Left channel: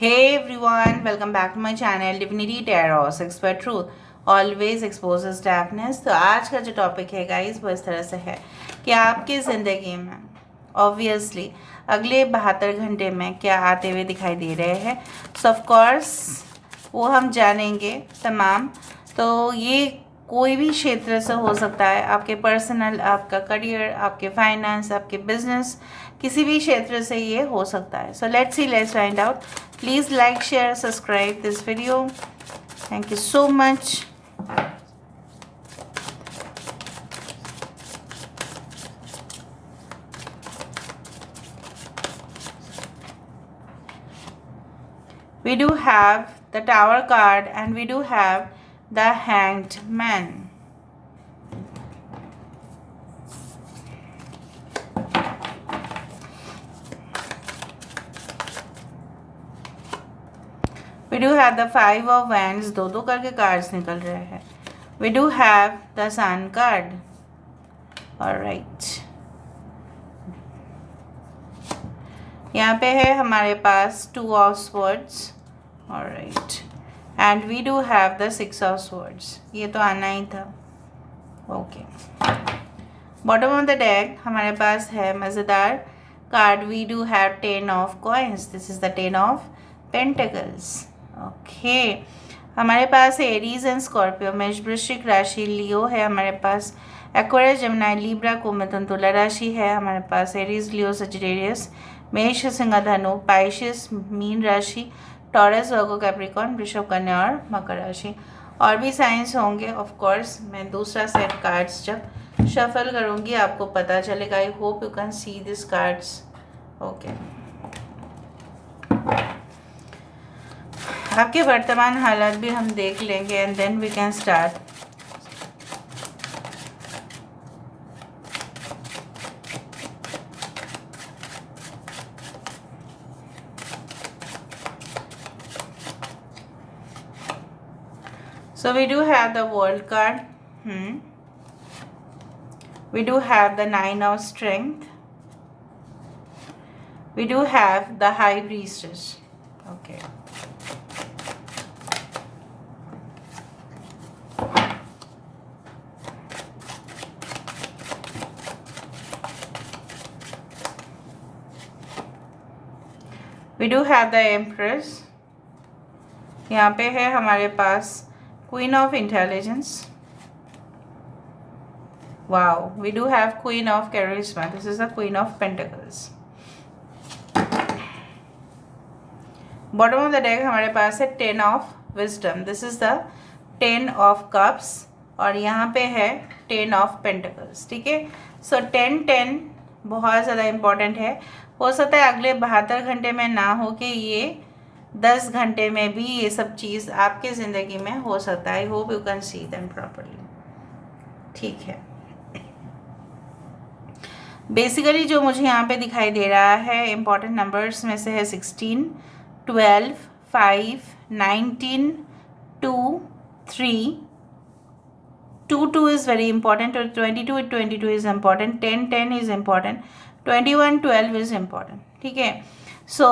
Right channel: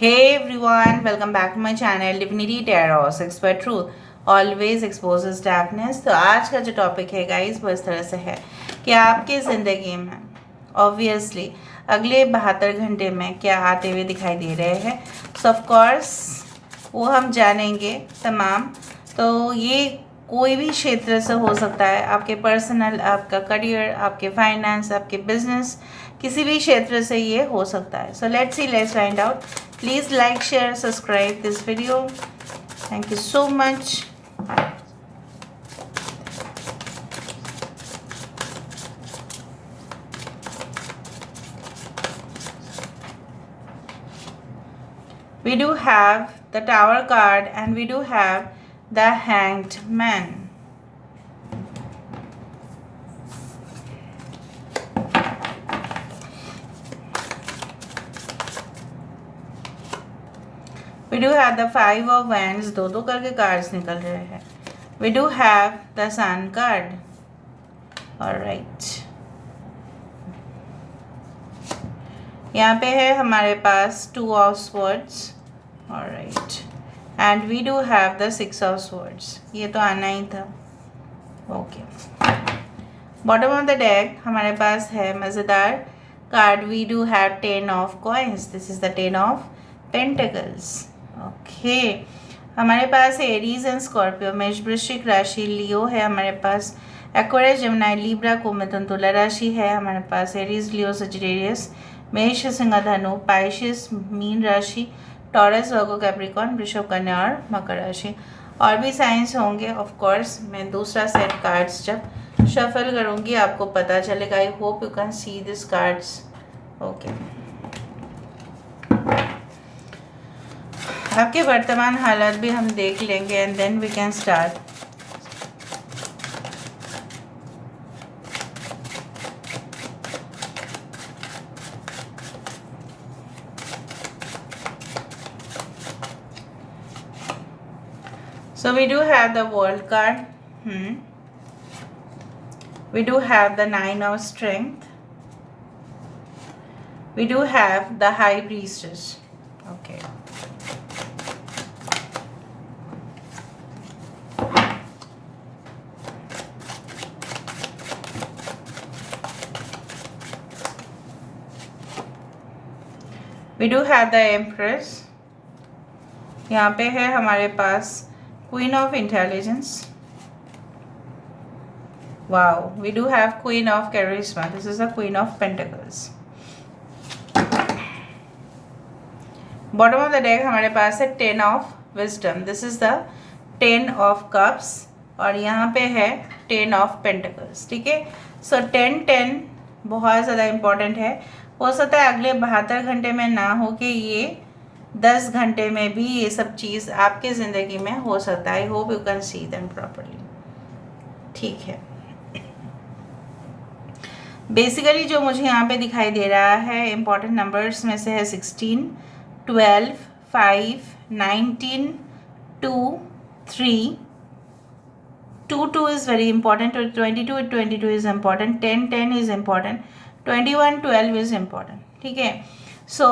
Hey everyone, welcome back to my channel Divinity Tarot, Expert Truth always exposes darkness। तो आज का जो topic है गाइस वो इस तरह से है कि आपकी ज़िंदगी में ऑब्वियसली अगले 72 घंटे में क्या आते हुए दिखाई दे रहे हैं। सो ऑफ कोर्स वो हम जानेंगे तमाम। तो ये कोई भी क्षेत्र से हो सकता है, आपके पर्सनल, आपका करियर, आपके फाइनेंस, आपके बिजनेस, किसी भी क्षेत्र से ये हो सकता है। So let's see, let's find out. Please like, share, subscribe this video. Thank you so much. We do have the Tower card and we do have the Hanged Man. We do have the Five of Wands, दो करके cards निकल रहे हैं। We do have the Sun card. Alright. यहाँ पे है हमारे पास Two of Swords. Alright. And we do have the Six of Swords. ये तो आना ही था। Okay. Bottom of the deck हमारे पास है मज़ेदार card. We do have Ten of Coins. This is the Ten of Pentacles. Okay हमारे पास है Aries and Scorpio, मेष, वृश्चिक राशि, लियो है हमारे पास, एक्वेरियस, जेमिनी, लिब्रा, कुंभ, तुला राशि है हमारे पास, एरीज, लियो, सजिटेरियस, मेष, सिंह, धनु, पाइशिस, मीन राशि, टॉरस, वर्गो, कैप्रिकॉर्न, वृषभ, कन्या और मकर राशि। और भी साइंस होंगे ऑफ कोर्स। मैं दूसरा सेट कार्ड्स जब शफल करूँगी आपको पता चलेगा। I hope you can see this cards. Okay, आपके वर्तमान हालात भी हम देख लेंगे and then we can start. So we do have the World card. We do have the Nine of Strength. We do have the High Priestess. Okay. We do have the Empress. यहाँ पे है हमारे पास Queen of Intelligence. Wow, we do have Queen of Charisma. This is the Queen of Pentacles. Bottom of the deck हमारे पास है Ten of Wisdom. This is the Ten of Cups. और यहाँ पे है Ten of Pentacles. ठीक है, सो 10-10 बहुत ज़्यादा इम्पोर्टेंट है। हो सकता है अगले 72 घंटे में ना हो कि ये 10 घंटे में भी ये सब चीज़ आपके ज़िंदगी में हो सकता है। आई hope you can see them properly. ठीक है, बेसिकली जो मुझे यहाँ पे दिखाई दे रहा है इम्पॉर्टेंट नंबर्स में से है 16, 12, 5, 19, 2, 3, 2 is very important, 22 is important, 10 is important, 21, 12 is important। ठीक है, सो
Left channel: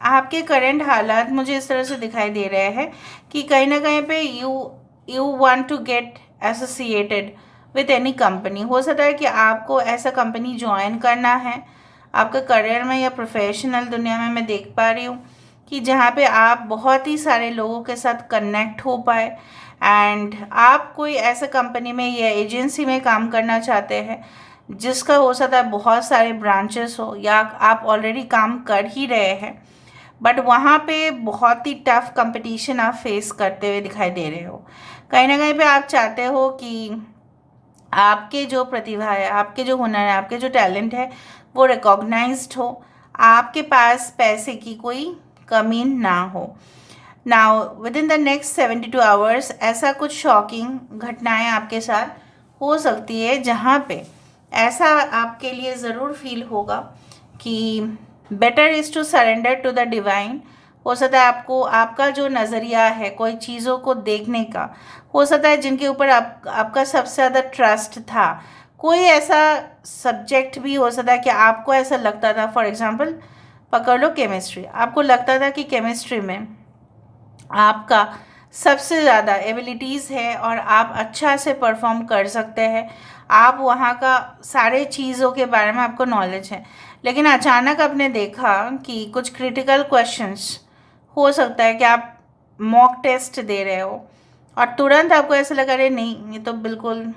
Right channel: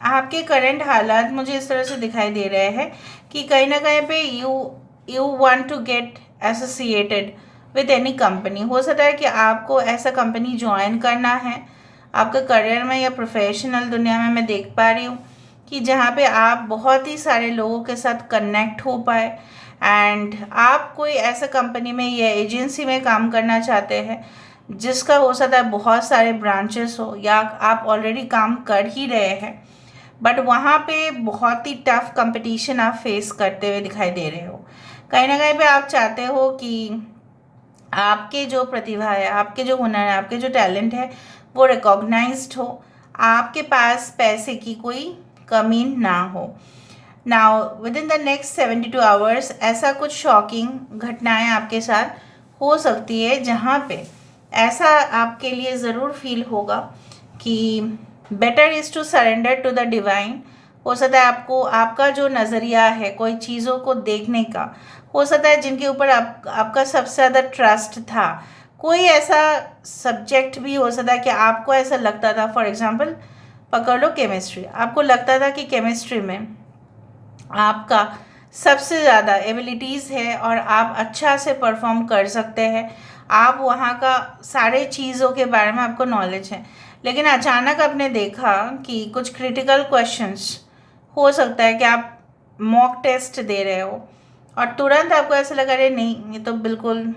आपके करंट हालात मुझे इस तरह से दिखाई दे रहे हैं कि कहीं ना कहीं पे you want to get associated with any company. हो सकता है कि आपको ऐसा कंपनी ज्वाइन करना है आपका करियर में या प्रोफेशनल दुनिया में। मैं देख पा रही हूँ कि जहाँ पे आप बहुत ही सारे लोगों के साथ कनेक्ट हो पाए एंड आप कोई ऐसा कंपनी में या एजेंसी में काम करना चाहते हैं जिसका हो सकता है बहुत सारे ब्रांचेस हो, या आप ऑलरेडी काम कर ही रहे हैं बट वहाँ पे बहुत ही टफ कंपटीशन आप फेस करते हुए दिखाई दे रहे हो। कहीं ना कहीं पे आप चाहते हो कि आपके जो प्रतिभा है, आपके जो हुनर है, आपके जो टैलेंट है वो रिकॉग्नाइज्ड हो, आपके पास पैसे की कोई कमी ना हो। Now with in the next 72 hours ऐसा कुछ शॉकिंग घटनाएं आपके साथ हो सकती है जहाँ पे ऐसा आपके लिए ज़रूर फील होगा कि better is to surrender to the divine. हो सकता है आपको आपका जो नज़रिया है कोई चीज़ों को देखने का, हो सकता है जिनके ऊपर आपका सबसे ज़्यादा ट्रस्ट था, कोई ऐसा सब्जेक्ट भी हो सकता है कि आपको ऐसा लगता था, फॉर एग्जांपल पकड़ लो केमिस्ट्री। आपको लगता था कि केमिस्ट्री में आपका सबसे ज़्यादा एबिलिटीज़ है और आप अच्छा से परफॉर्म कर सकते हैं, आप वहाँ का सारे चीज़ों के बारे में आपको नॉलेज है, लेकिन अचानक आपने देखा कि कुछ क्रिटिकल क्वेश्चंस हो सकता है कि आप मॉक टेस्ट दे रहे हो और तुरंत आपको ऐसा लगा अरे नहीं, ये तो बिल्कुल,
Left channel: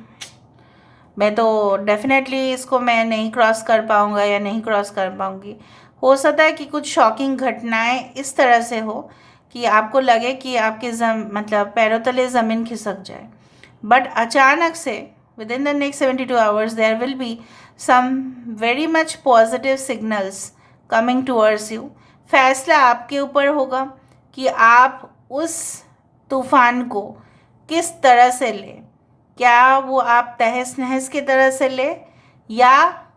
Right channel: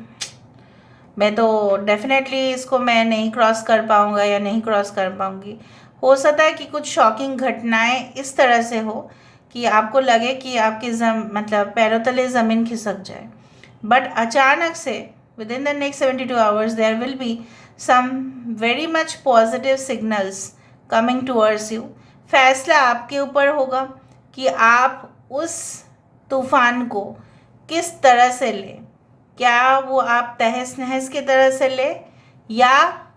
मैं तो डेफिनेटली इसको मैं नहीं क्रॉस कर पाऊँगा या नहीं क्रॉस कर पाऊँगी। हो सकता है कि कुछ शॉकिंग घटनाएं इस तरह से हो कि आपको लगे कि आपके मतलब पैरों तले ज़मीन खिसक जाए, बट अचानक से within the next 72 hours there will be some very much positive signals coming towards you. फैसला आपके ऊपर होगा कि आप उस तूफान को किस तरह से लें, क्या वो आप तहस नहस की तरह से ले, या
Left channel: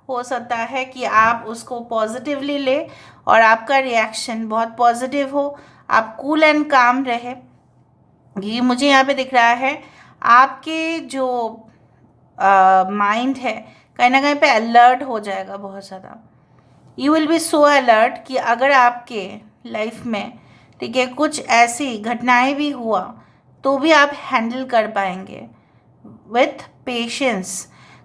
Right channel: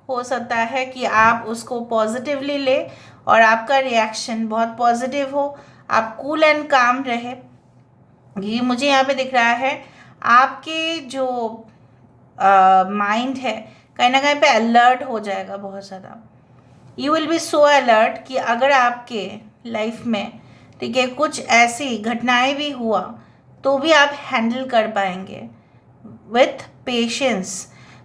हो सकता है कि आप उसको पॉजिटिवली ले और आपका रिएक्शन बहुत पॉजिटिव हो, आप कूल एंड काम रहे। ये मुझे यहाँ पे दिख रहा है आपके जो माइंड है कहीं ना कहीं पे अलर्ट हो जाएगा बहुत ज़्यादा। You will be so alert कि अगर आपके लाइफ में, ठीक है, कुछ ऐसी घटनाएं भी हुआ तो भी आप हैंडल कर पाएंगे विथ पेशेंस।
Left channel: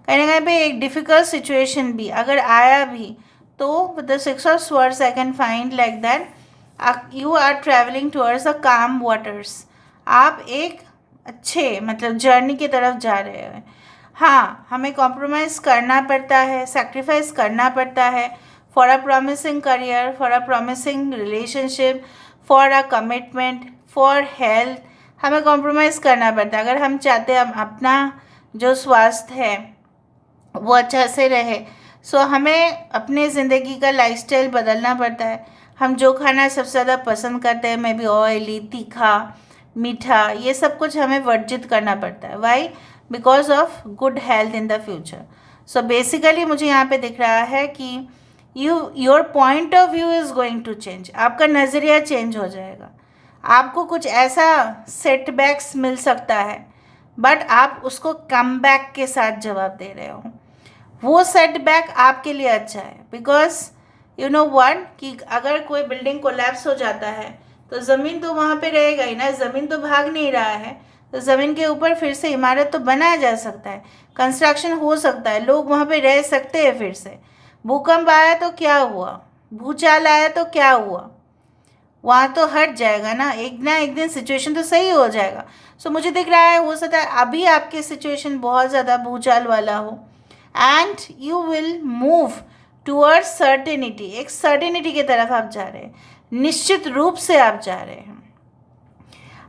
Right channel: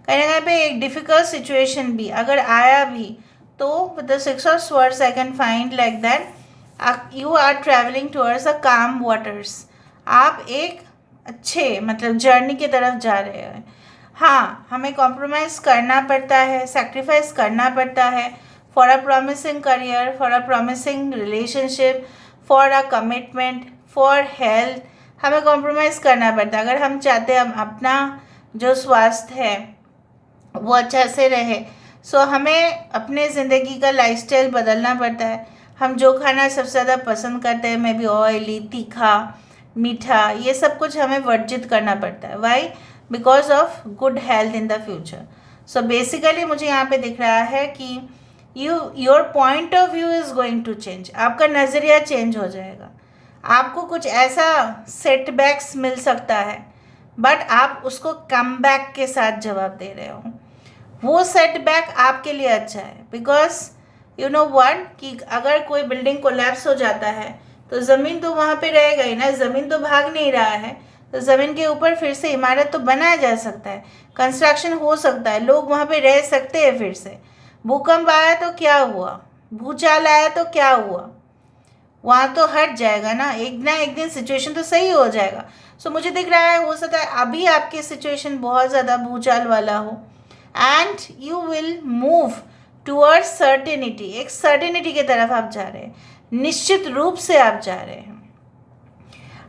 कहीं ना कहीं पे एक डिफ़िकल्ट सिचुएशन भी अगर आया भी तो with the six of swords I can find like that you are travelling towards the calm waters. आप एक अच्छे मतलब जर्नी की तरफ जा रहे हैं। हाँ, हमें कॉम्प्रोमाइज़ करना पड़ता है, सेक्रीफाइस करना पड़ता है for a promising career, for a promising relationship, for a commitment, for health. हमें कॉम्प्रोमाइज़ करना पड़ता है अगर हम चाहते हैं हम अपना जो स्वास्थ्य है वो अच्छा से रहे। सो हमें अपने ज़िंदगी का लाइफस्टाइल बदलना पड़ता है। हम जो खाना सबसे ज़्यादा पसंद करते हैं, मे बी ऑयली, तीखा, मीठा, ये सब कुछ हमें वर्जित करना पड़ता है। Why? Because of good health in the future. So basically मुझे यहाँ पे दिख रहा है कि your point of view is going to change. आपका नज़रिया चेंज हो जाएगा। आपको कुछ ऐसा सेटबैक्स मिल सकता है बट आप उसको कम बैक के साथ जवाब दे रहे हो। वो सेटबैक आपके लिए अच्छा है बिकॉज यू नो वन कि अगर कोई बिल्डिंग कोलैप्स हो जाता है तो ज़मीन तो वहाँ पे रहेगा ही ना, ज़मीन तो भाग नहीं रहा है, तो ज़मीन के ऊपर फिर से इमारत तो बनाया जा सकता है, कंस्ट्रक्शन हो सकता है, लोग वहाँ पे रह सकते हैं फिर से। भूकंप आया तो क्या हुआ, भूचाल आया तो क्या हुआ, वहाँ तो हट जाएगा ना एक दिन सिचुएशन तो सही हो जाएगा। सो मुझे दिख रहा है हो सकता है अभी आपकी सिचुएशन बहुत ज़्यादा भूचाल वाला हो and you will move towards certainty. एक सर्टेनिटी की तरफ आप जा रहे हैं, निश्चित रूप से आप जा रहे हैं।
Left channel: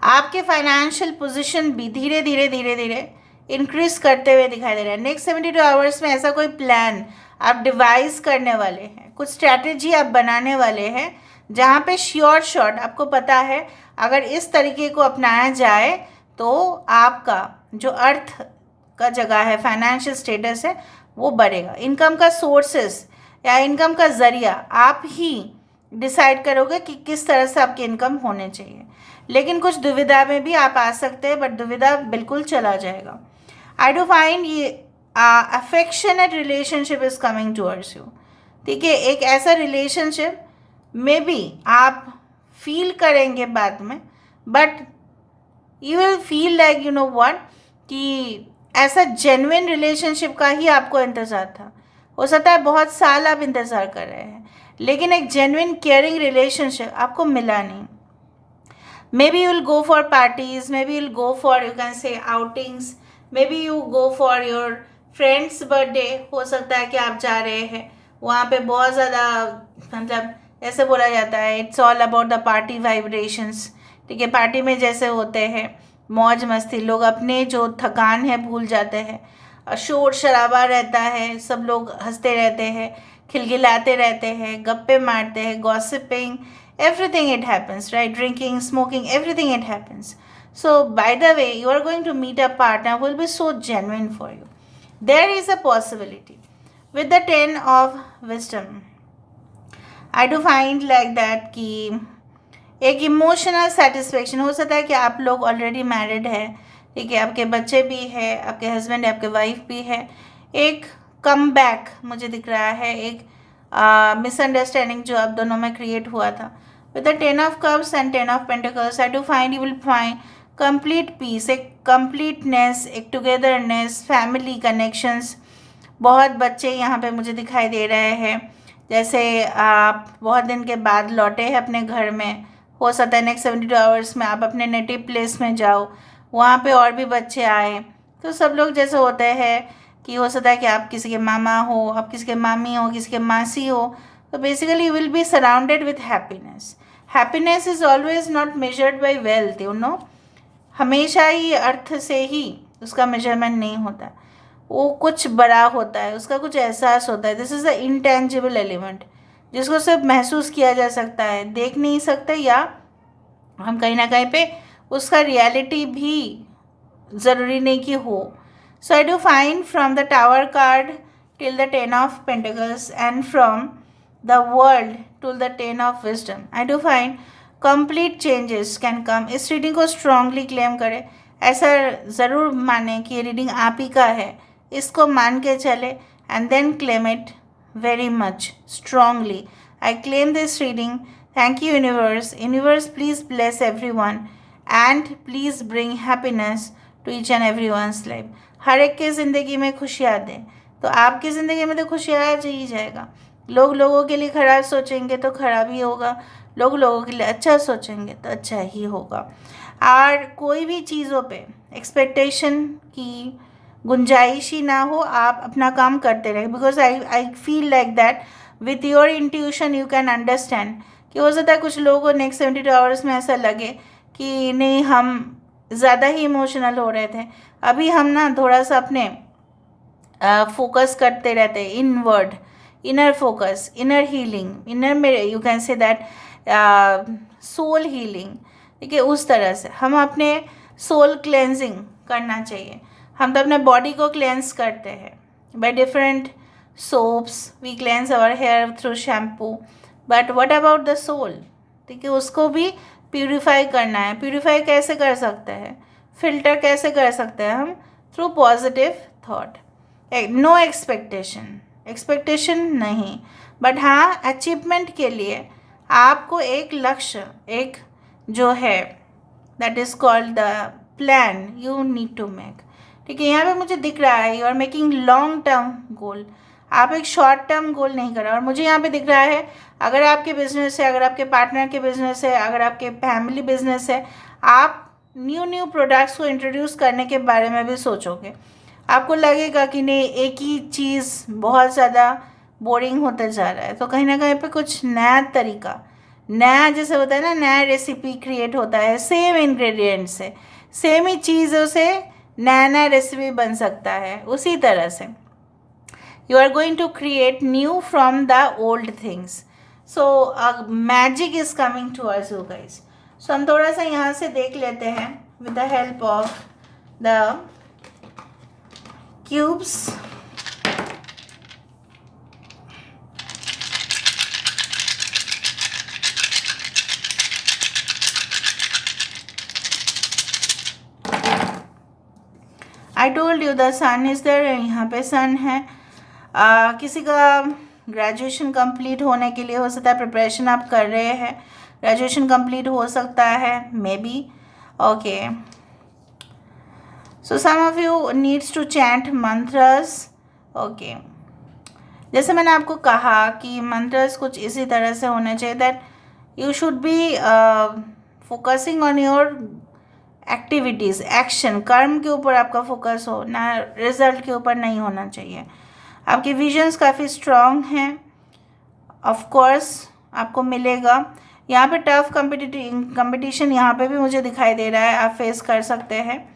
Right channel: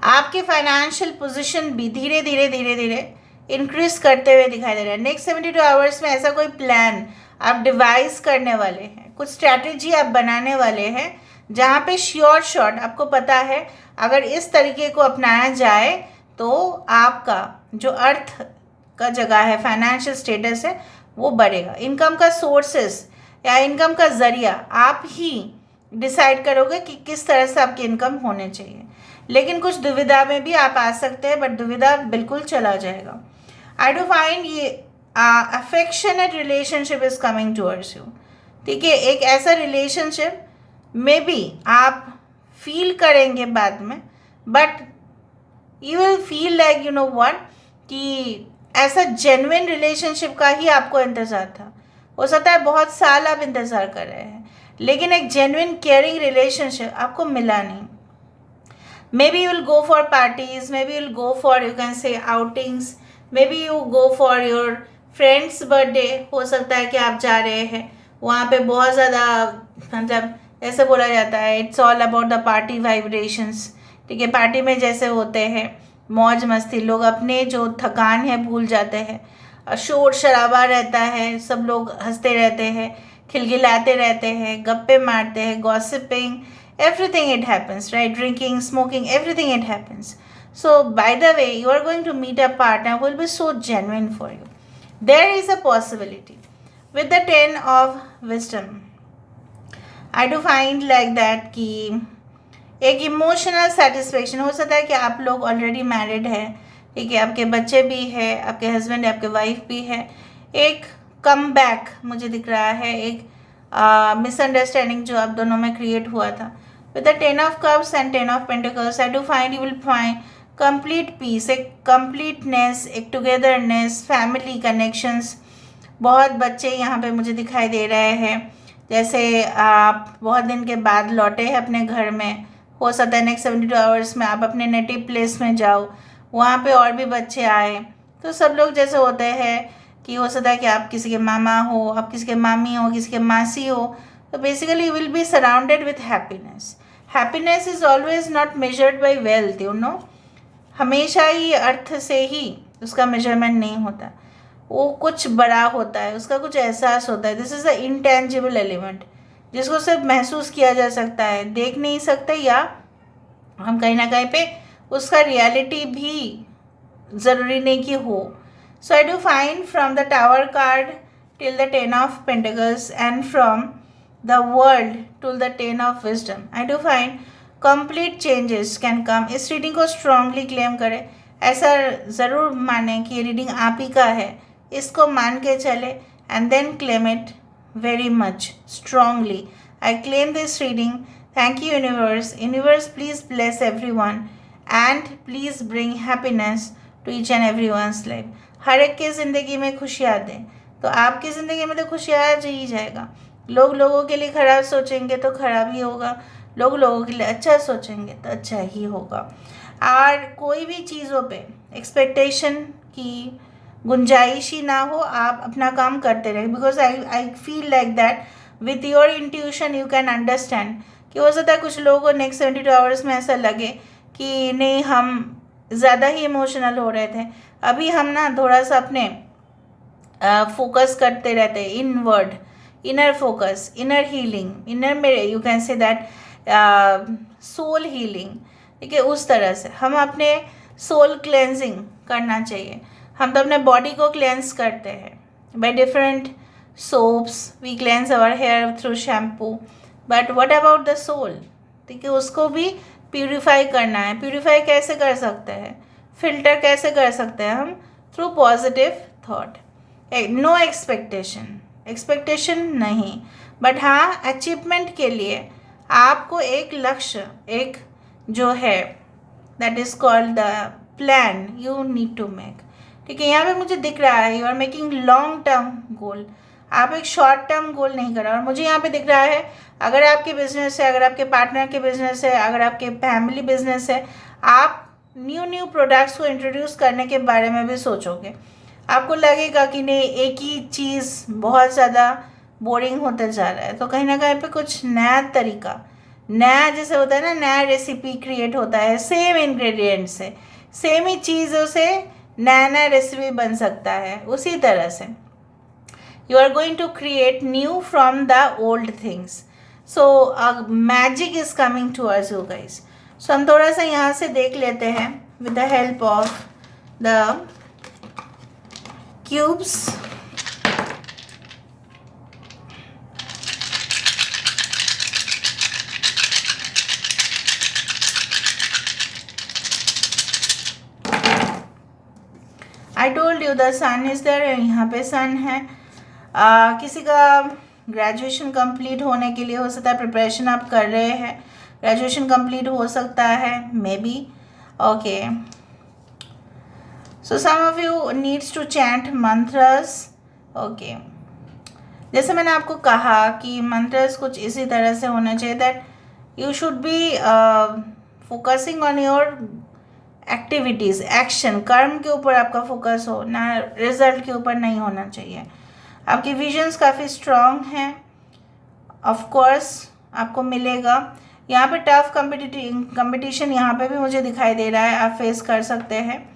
आपके फाइनेंशियल पोजीशन भी धीरे धीरे धीरे धीरे इंक्रीज करते हुए दिखाई दे रहा है। नेक्स्ट 72 आवर्स में ऐसा कोई प्लान आप डिवाइस करने वाले हैं, कुछ स्ट्रैटेजी आप बनाने वाले हैं जहाँ पे श्योर शॉट आपको पता है अगर इस तरीके को अपनाया जाए तो आपका जो अर्थ का जगह है, फाइनेंशियल स्टेटस है, वो बढ़ेगा। इनकम का सोर्सेस या इनकम का ज़रिया आप ही डिसाइड करोगे कि किस तरह से आपकी इनकम होने चाहिए। लेकिन कुछ दुविधा में भी आप आ सकते हैं बट दुविधा बिल्कुल चला जाएगा। आई डू फाइंड ये affectionate relationship is coming towards you. ठीक है, एक ऐसा रिलेशनशिप मे बी आप फील करेंगे बाद में but you will feel like you know what कि ऐसा जेन्युइन रिलेशनशिप का ही आपको इंतज़ार था। हो सकता है बहुत साल आप इंतज़ार कर रहे हैं लेकिन एक जेन्युइन केयरिंग रिलेशनशिप आपको मिला नहीं। May be you will go for parties, may be you will go for you can से outings, may be you go for your friends birthday. हो सकता है कि आप जा रहे हैं वहाँ पे बहुत ज़्यादा मतलब ऐसे बोला जाता है it's all about the party vibrations. ठीक है, पार्टी में जैसे होते हैं मौज मस्ती, लोग अपने जो थकान है भूल जाते हैं, शोर शराबा रहता है, सब लोग हंसते रहते हैं, खिलखिलाते रहते हैं, गप्पे मारते हैं, gossiping, everything it happens, right? Drinking, smoking, everything it happens. So by the way, you are going to meet a partner who will be so genuine for you. There is a possibility with the 10 of wisdom. I do find like that कि एक emotional satisfaction हो सकता है कि आप लोग already married है, ठीक है, आपके बच्चे भी है, आपके हस्बैंड है, आपके वाइफ भी है। एक कम बैक मुझे दिख रहा है, एक मिसअंडरस्टैंडिंग जो आप दोनों में क्रिएट हुआ था. With the 10 of cups and 10 of pentacles I do find you will find complete peace, एक कंप्लीटनेस, एक टुगेदरनेस, फैमिली कनेक्शंस. बहुत बच्चे यहाँ पे मुझे दिखाई दे रहे हैं, जैसे आप बहुत दिन के बाद लौटे हैं अपने घर में. हो सकता है नेक्स्ट 72 आवर्स में आप अपने नेटिव प्लेस में जाओ, वहाँ पे और भी बच्चे आए. तो सब लोग जैसे होते हैं कि हो सकता है कि आप किसी के मामा हो, आप किसी के मामी हो, किसी के मासी हो. तो basically you will be surrounded with happiness. Happiness is always not measured by wealth, you know. हमेशा ही अर्थ से ही उसका मेजरमेंट नहीं होता, वो कुछ बड़ा होता है, उसका कुछ एहसास होता है. This is the intangible element जिसको सिर्फ महसूस किया जा सकता है, देख नहीं सकते, या हम कहीं ना कहीं पे उसका रियलिटी भी ज़रूरी नहीं कि हो. So I do find from the tower card till the 10 of pentacles and from the world to the 10 of wisdom I do find complete changes can come. इस रीडिंग को स्ट्रांगली क्लेम करें, ऐसा ज़रूर माने कि ये रीडिंग आप ही का है, इसको मान के चले and then claim it very much strongly. I claim this reading. Thank you universe. Universe, please bless everyone and please bring happiness to each and everyone's life. हर एक की ज़िंदगी में खुशियाँ दें. तो आपकी ज़िंदगी में तो खुशियाँ आ ही जाएगा. लोग लोगों के लिए खराब सोचेंगे तो खराब ही होगा, लोग लोगों के लिए अच्छा सोचेंगे तो अच्छा ही होगा. और कोई भी चीज़ों पे एक्सपेक्टेशन की गुंजाइश ही ना हो, आप अपना काम करते रहें. Because I feel like that with your intuition you can understand कि हो सकता है कुछ लोगों को नेक्स्ट 72 आवर्स में ऐसा लगे कि नहीं, हम ज़्यादा ही इमोशनल हो रहे थे. अभी हम ना थोड़ा सा अपने फोकस करते रहते हैं inward, inner focus, inner healing, inner में you can say that soul healing. ठीक है, उस तरह से हम अपने सोल क्लेंजिंग करना चाहिए. हम तो अपने बॉडी को क्लेंस करते हैं by different soaps, we cleanse our hair through shampoo, but what about the soul. ठीक है, उसको भी प्यूरिफाई करना है. प्यूरिफाई कैसे कर सकते हैं, फिल्टर कैसे कर सकते हैं हम? Through positive thought. No expectation नहीं, बट हाँ अचीवमेंट के लिए आपको एक लक्ष्य, एक जो है that is called the plan you need to make. ठीक है, यहाँ पे मुझे दिख रहा है you are making long term goal, आप एक शॉर्ट टर्म गोल नहीं कर रहे. और मुझे यहाँ पे दिख रहा है अगर आपके बिजनेस है, अगर आपके पार्टनर के बिजनेस है, अगर आपके फैमिली बिजनेस है, आप न्यू प्रोडक्ट्स को इंट्रोड्यूस करने के बारे में भी सोचोगे. आपको लगेगा कि नहीं, एक ही चीज़ बहुत ज़्यादा बोरिंग होते जा रहा है, तो कहीं ना कहीं पे कुछ नया तरीका, नया जैसे होता है ना, नया रेसिपी क्रिएट होता है सेम इंग्रेडिएंट से, सेम ही चीज़ों से नया नया रेसिपी बन सकता है. उसी तरह से you are going to create new from the old things. So magic is coming towards you guys. So हम थोड़ा सा यहाँ से देख लेते हैं with the help of the cubes. I told you the sun is there. यहाँ पे सन है. किसी का ग्रेजुएशन कंप्लीट होने के लिए हो सकता है प्रिपरेशन आप कर रहे हैं, ग्रेजुएशन कंप्लीट हो सकता है maybe. Okay, so some of you needs to chant mantras. Okay, जैसे मैंने आपको कहा कि मंत्रस कुछ इसी तरह से होने चाहिए that you should be focusing on your activities, action, कर्म के ऊपर आपका फोकस हो ना, रिजल्ट के ऊपर नहीं होना चाहिए. आपके विजन्स काफ़ी स्ट्रॉन्ग हैं, ऑफ कोर्स आपको मिलेगा. यहाँ पे टफ कंपटीशन यहाँ पे भी मुझे दिखाई दे रहा है, आप फेस कर सकते हैं.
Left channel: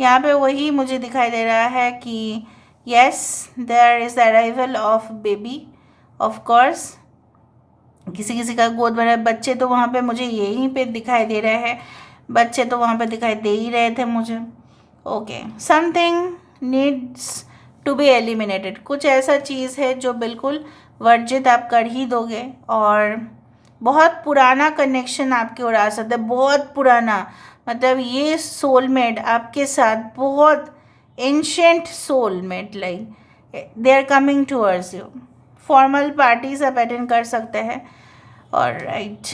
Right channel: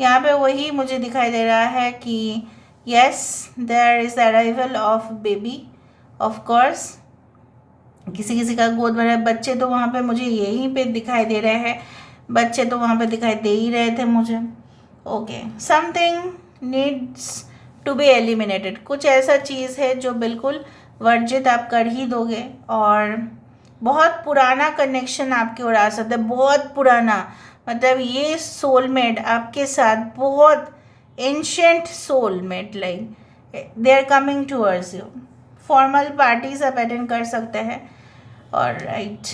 यहाँ पे वही मुझे दिखाई दे रहा है कि yes there is arrival of baby. Of course किसी किसी का गोद भरा बच्चे तो वहाँ पे मुझे यहीं पे दिखाई दे रहे हैं, बच्चे तो वहाँ पे दिखाई दे ही रहे थे मुझे. Okay, something needs to be eliminated. कुछ ऐसा चीज़ है जो बिल्कुल वर्जित आप कर ही दोगे. और बहुत पुराना कनेक्शन आपकी ओर आ सकता है, बहुत पुराना, मतलब ये सोलमेट आपके साथ बहुत ancient soulmate, like they are coming towards you formal parties आप अटेंड कर सकते हैं। और राइट,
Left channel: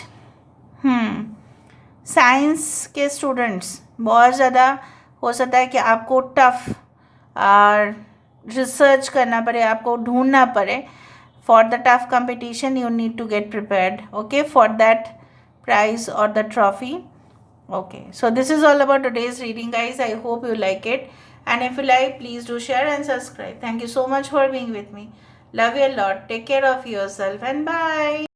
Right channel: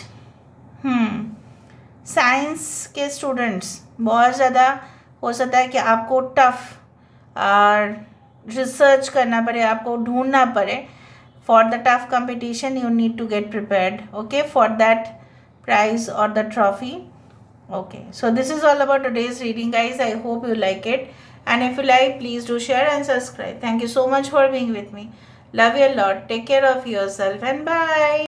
साइंस के स्टूडेंट्स बहुत ज़्यादा हो सकता है कि आपको टफ रिसर्च करना पड़े, आपको ढूंढना पड़े। For the tough competition you need to get prepared, okay, for that prize और the trophy. Okay, so this is all about today's reading, guys. I hope you like it, and if you like, please do share and subscribe. Thank you so much for being with me. Love you a lot. Take care of yourself, and bye.